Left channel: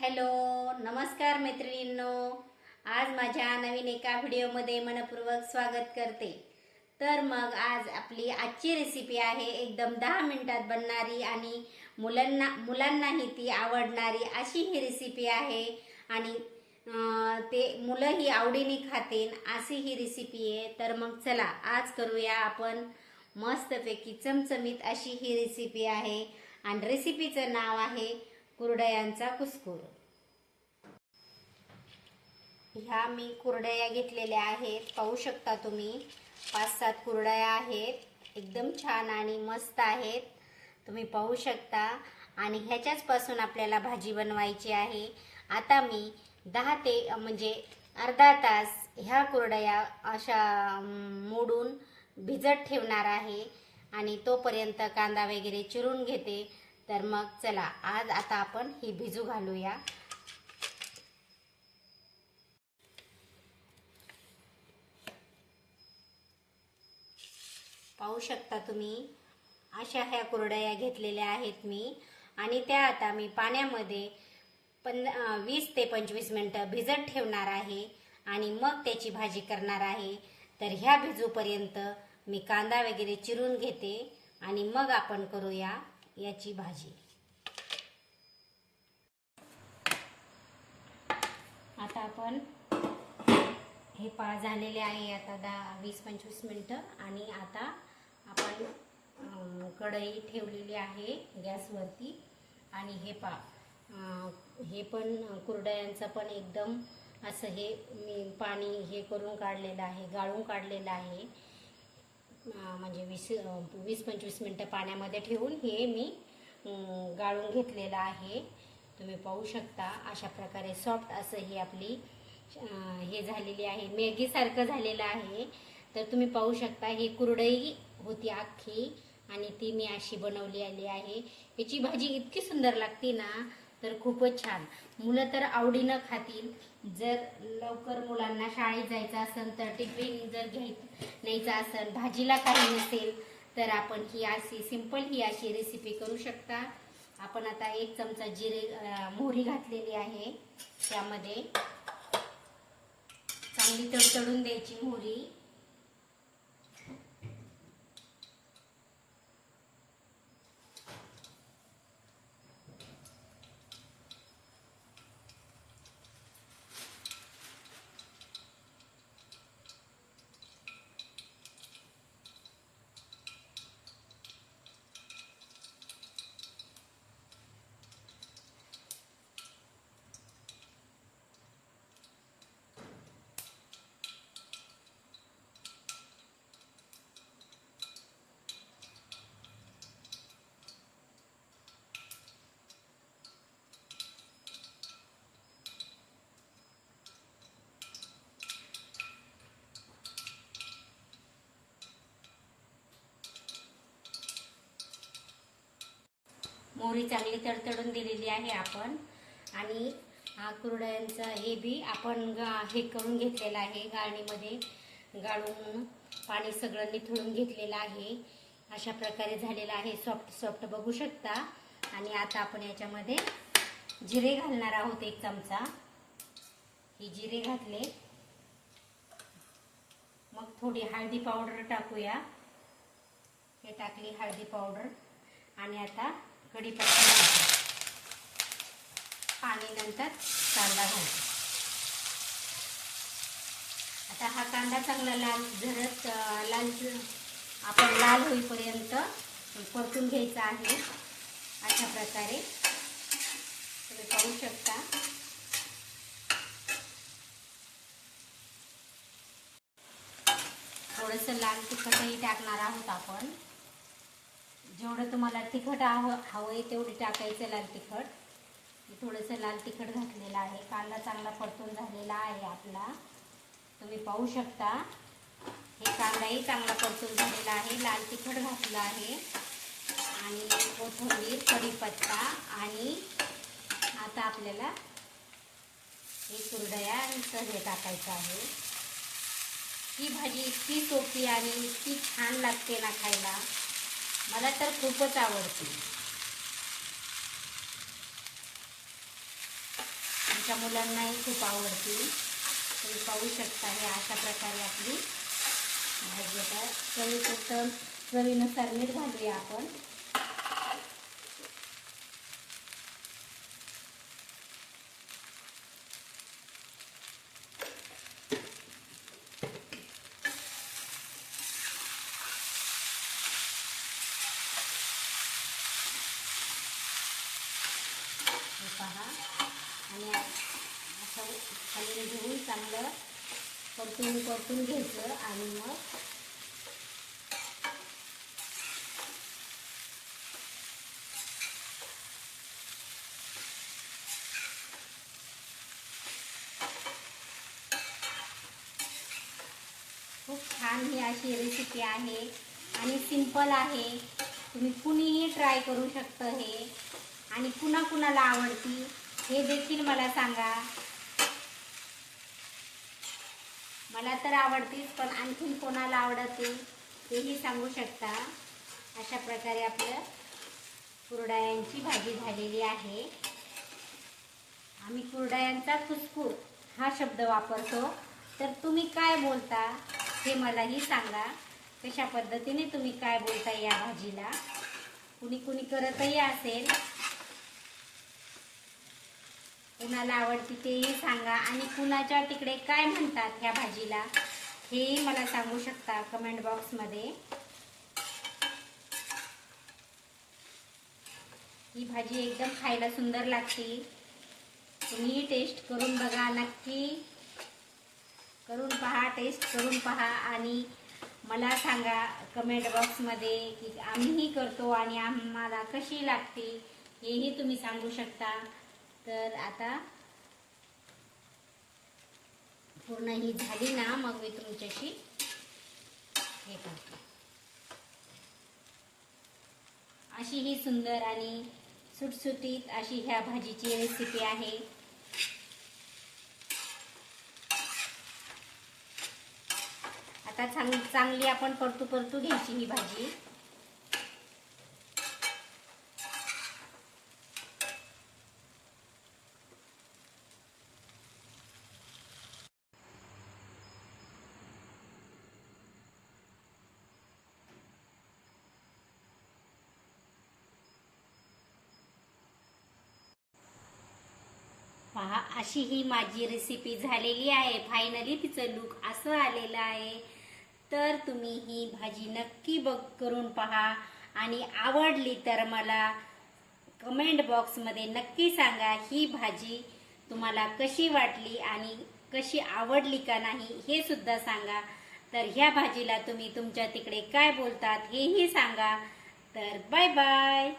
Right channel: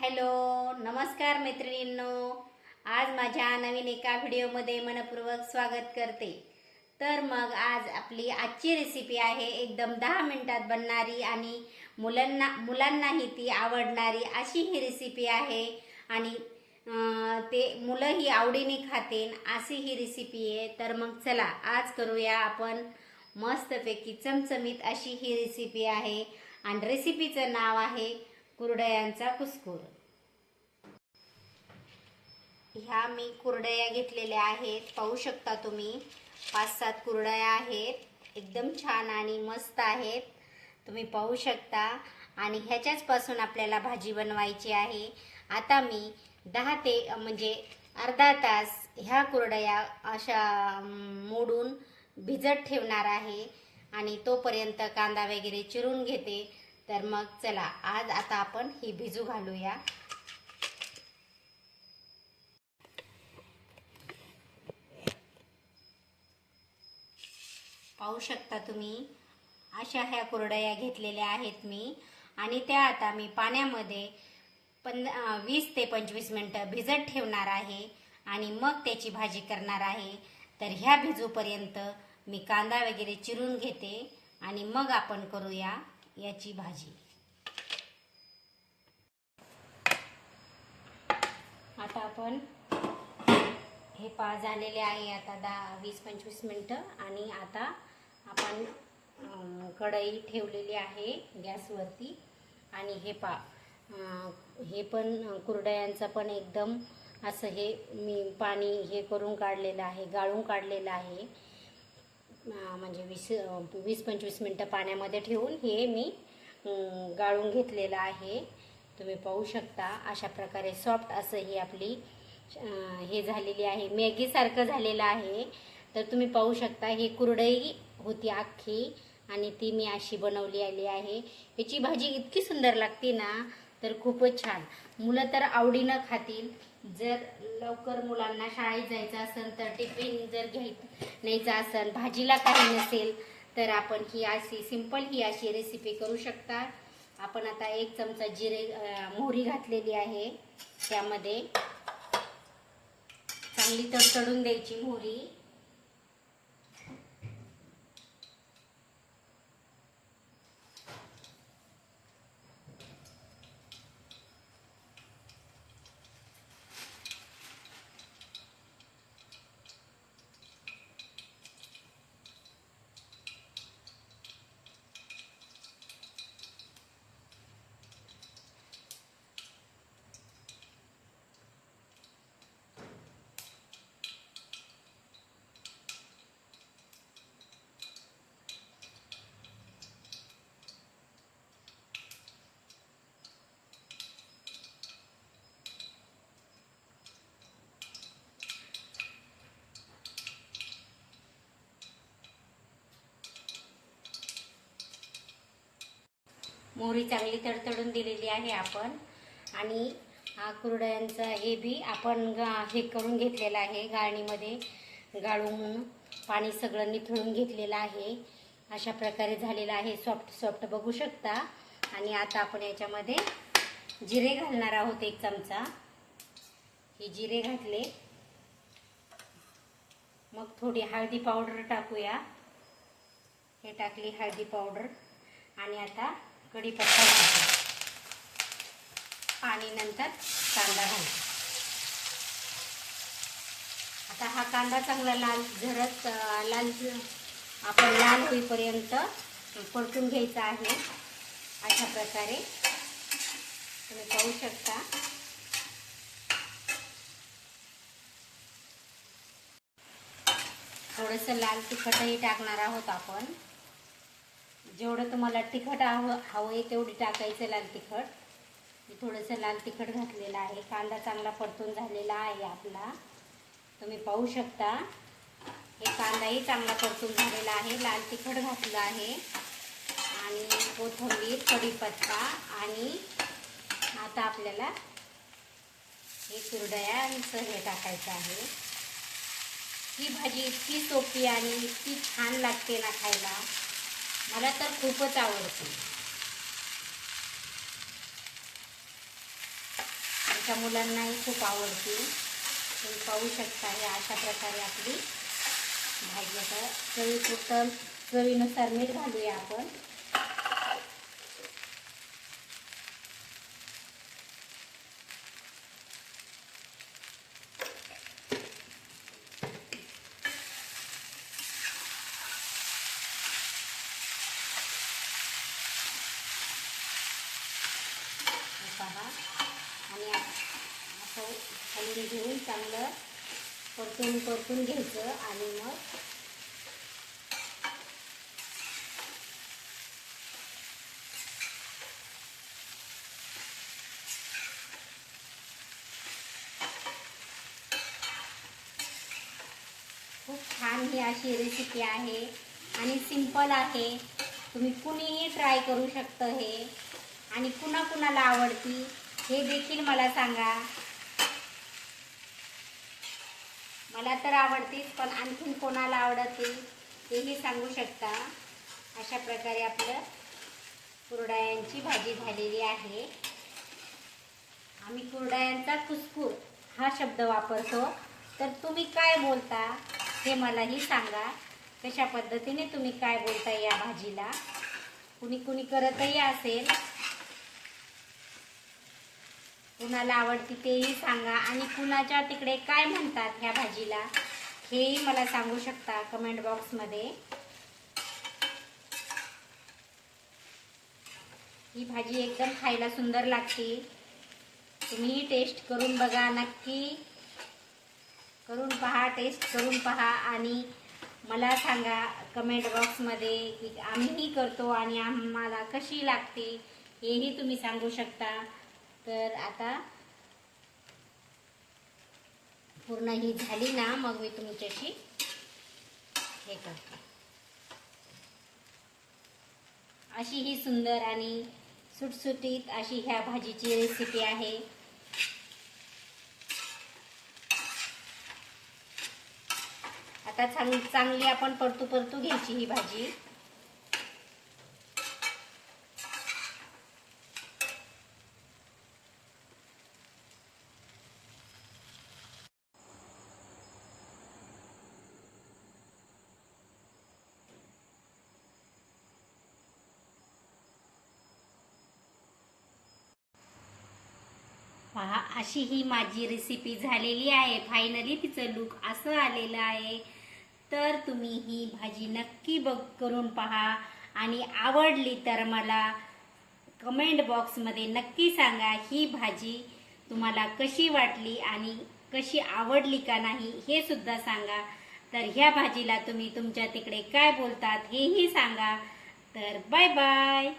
Hello नमस्कार मैत्रिणींनो. आज माझ्या नवीन एका व्हिडिओमध्ये मनपूर्वक स्वागत करते. तर मग आज आपली आजची रेसिपी आहे एकदम दहा मिनटात बनणारी आणि मुलांना मुलांनाही ती आवडणारी अशी ही रेसिपी आहे. आणि ते मुलंही आवडीने खातेन अशी ही रेसिपी आहे. तर मग चला आज करूया आपण मस्तपैकी चमचमीत अशी ही रेसिपी आहे. आणि रेसिपीचं नाव आहे कुरडयांचा कुस्कूर. ह्या मी कुरडया घेतलेल्या आहेत. पाहू शकता तुम्ही. पाच सात कुरडया आहेत. एकदम छान आणि मस्त आहेत. तुम्ही पाहू शकता. आणि ह्याच्याच पासून आपल्याला भाजी बनवायची आहे. आता मी दहा ते म्हणजे अर्धा तास ह्या कुरडया अशा मोडून भिजत ठेवणार आहे. आणि तोपर्यंत कांदा वगैरे चिरून घेते. तर मग चला आज आता आपण ही भिजू घालूया. पाहू शकता तुम्ही अशा ह्या कुरडया घेतलेल्या आहेत मी. आणि त्या आता मी पाण्यामध्ये पं वीस ते पंचवीस मिनटं भिजत ठेवणार आहे. आणि मग त्याची भाजी करणार आहे. तर ह्या भिजूपर्यंत मी कांदा वगैरे चिरून घेते. आणि मग आपण करूया. याची भाजी. आता आपण हे पा झालेले आहे आता दहा वीस पंचवीस मिनटं आणि आता आपण कढई ठेवलेली आहे गॅसवरती आणि हे पा हे पण कुरडयांचं पण एकदम असं हे मी पाणी हे करून काढलेलं आहे गाळून काढलेलं आहे. म्हणजे वीस वीस पंचवीस मिनटं पाण्यामध्ये ठेवून हे मी गाळून घेतलेलं आहे. तुम्ही पाहू शकता अशा प्रकारे सॉफ्ट असं ही आपली हे झालेली आहे. मॅगीसारखं झालेलं आहे. तर तुम्ही पाहू शकता ही कुरडई होती अख्खी आणि ती मी अशी बनवली आली आहे. याची भाजी इतकी सुंदर लागते ना तर खूपच छान. मुलं तर आवडीनं खातील. जर लवकर मुलांना शाळेत जायचं असेल तर टिफिन जर घ्याय न्यायचा असेल भाजीला काही नसेल तर आपण ही अशी सिंपल ही अशी रेसिपी करू शकता. आपण आता एक चमचा जिरे मोहरी घातलेली आहे. त्यामध्ये चांगली तडतडून द्यायची मोहरी. मोहरी चांगली तडतडून दिलेली आहे आपण. आणि हा कुरडयांचा हे बी आपण गा- हे करून घेतलेलं आहे गाळणीमध्ये. गाळून पाणी सगळं निथळून घेतलेलं आहे. अशा प्रकारे झालेलं आहे. सॉफ्ट सॉफ्ट बघू शकता. आणि आता आपण याच्यामध्ये जिरे घालणार आहोत एक चमचा. हे जिरे घातले. मग थोडी हळदी पावडर टाकूया. हे टाकली हळदी पावडर. आणि आता कढीपत्ता टाकू नंतर कांदा घालतो. आता हा कांदा चांगला लाल झरत लाल आपण लाल होईपर्यंत परतून घ्यायचा आहे. अशा प्रकारे तुम्ही पाहू शकता. थोडंसं लाल तिखटही टाकणार आहोत आपण. जेवढं तुम्हाला तिखट हवं हवं आहे तेवढी टाकायचं लाल तिखट. मी थोडंसं लाल तिखट घातलेलं आहे. कांदा चांगला परतून झालेला आहे आपला. तुम्ही पाहू शकता. हे कांदाही चांगला परतून झालेला आहे. लाल तिखट घातलं आहे. आणि कोथिंबीर कढीपत्ता आणि आता आपल्याला हे कुरडया हे टाकायचं आहे. ही भाजी इतकी सोपी आणि इतकी छान लागते ना खायला. मला तर खूपच आवडते. आमच्या मुलांनाही खूप आवडते. तुम्ही पाहू शकता हे अशा प्रकारे आपली भाजी आता खूप चवीनुसार मीठ घालूया आपण. पहा. आणि असं खाली घेऊन चांगलं परतून परतून घ्यायचं आणि मग खूप छान ही अशी रेसिपी आहे आणि सिंपल आहे. तुम्ही कुणीही ट्राय करू शकतं हे. आणि कुणा कुणाला आवडती हे देखील मला सांगा. मला तर आवडतीच पण आणखीन कोणाला आवडते तेही सांगू शकता. अशा प्रकारे आपलं कुरडायांची भाजी झालेली आहे. आम्ही कुरडायांचा कुसकूर हा शब्द वापरतो. तर तुम्ही काय बोलता हे मलाही सांगा. कशा पद्धतीने तुम्ही काय बोलता या भाजीला? कुणी कुणी करतही असेल. कुणाला आवडती तेही सांगा. आणि कुणाच्या तिकडे काय म्हणतात ह्या भाजीला? हेही मला सांगू शकता कमेंट बॉक्समध्ये ही भाजी एकदम खायला सुंदर लागते. तुम्ही टेस्ट करून बघा नक्की करून पहा टेस्ट करून पहा. आणि मला सांगा कमेंट बॉक्समध्ये की आम्हीही करतो आणि आम्हाला कशी लागते हेही तुम्ही सांगू शकता. तर आता पूर्ण ही झाली ना मग मी तुमच्याशी हे करते. अशी ही सुंदर आणि सुटसुटीत अशी ह्या भाजीची रेसिपी आहे. आता चांग चांगली आपण परतू परतू घ्यायची ही भाजी. पहा अशी ही माझी रेसिपी झालेली आहे. फायनली तिचं लुक असं आलेलं आहे. तर तुम्ही ही भाजी नक्की बघ करून पहा. आणि आवडली तर मला कमेंट बॉक्समध्ये नक्की सांगा ही भाजी तुम्हाला कशी वाटली आणि कशी आवडली का नाही हे सुद्धा सांगा. तर ह्या भाजीला तुम्ही तुमच्या तिकडे काय बोलतात हेही सांगा. तर बाय बाय